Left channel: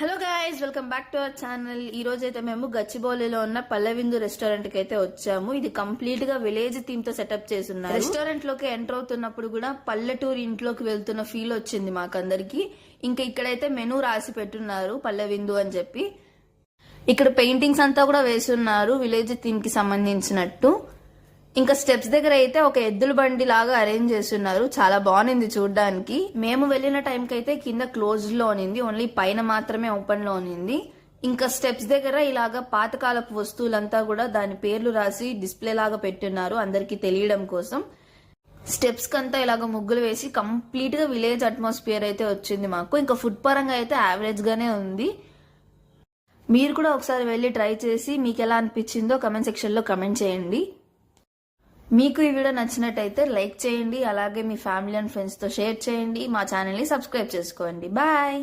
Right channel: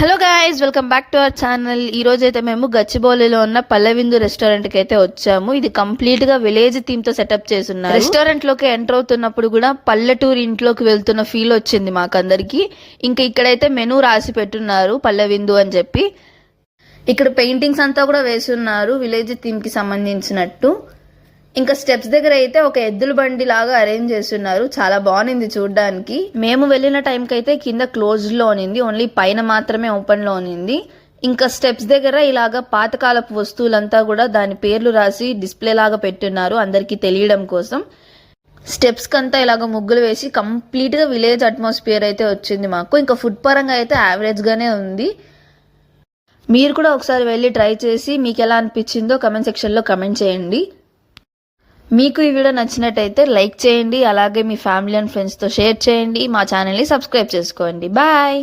Hello guys, welcome back to our channel. ఈ రోజు అయితే మేము గచ్చిబౌలిలో ఉన్న పల్లెవిందు రెస్టారెంట్ కి అయితే వచ్చాము. ఇది కంప్లీట్ గా విలేజ్ థీమ్ తో సెటప్ చేస్తున్నారు. రెస్టారెంట్ లోకి ఎంటర్ అవుతున్నప్పుడు కూడా పల్లెటూరు ఇంట్లోకి వెళ్తున్న ఫీల్ వచ్చింది మాకందరికి. ఇంకా ఇక్కడైతే మెనూ రాసి పెట్టున్నారు పల్లెవిందు అని చెప్పి. ఇక్కడ పెయింటింగ్స్ అంతా కూడా వేసి ఉన్నారు విలేజ్ థీమ్ కి సంబంధించినట్టు. ఇంకా స్టెప్స్ దగ్గర అయితే ఒక ఎద్దుల బండి లాగా అరేంజ్ చేస్తున్నారు. చాలా బాగుంది చూడడానికి. మేము వెళ్ళిన టైంకి అయితే కింద క్లోజ్ లో ఉన్నింది, ఓన్లీ పైన మాత్రమే ఓపెన్ లో ఉన్నింది. ఇంకా స్టెప్స్ దగ్గర ఇలాగా పాతకాలపు వస్తువులంతా కూడా దాని పేర్లు రాసి డిస్ప్లే లాగా పెట్టున్నారు అందరికి తెలియడం కోసం. స్టెప్స్ కంతా ఇలాగ ముగ్గులు వేసి కంప్లీట్ గా విలేజ్ అట్మాస్ఫియర్ అయితే వచ్చింది మాకు. ఇంకా ఫుడ్ పరంగా అయితే యావరేజ్ గానే ఉంది. మీరు కూడా ఒకసారి వెళ్ళి ట్రై చేసి మీకు ఎలా అనిపించిందో కమెంట్ సెక్షన్ లో కమెంట్ చేయండి. మీకు ఈ వీడియో నచ్చినట్టయితే లైక్ చేయండి, అలాగే మీ ఫ్యామిలీ అండ్ ఫ్రెండ్స్తో షేర్ చేయండి. మా ఛానల్ని సబ్స్క్రైబ్ చేసుకోండి. బాయ్.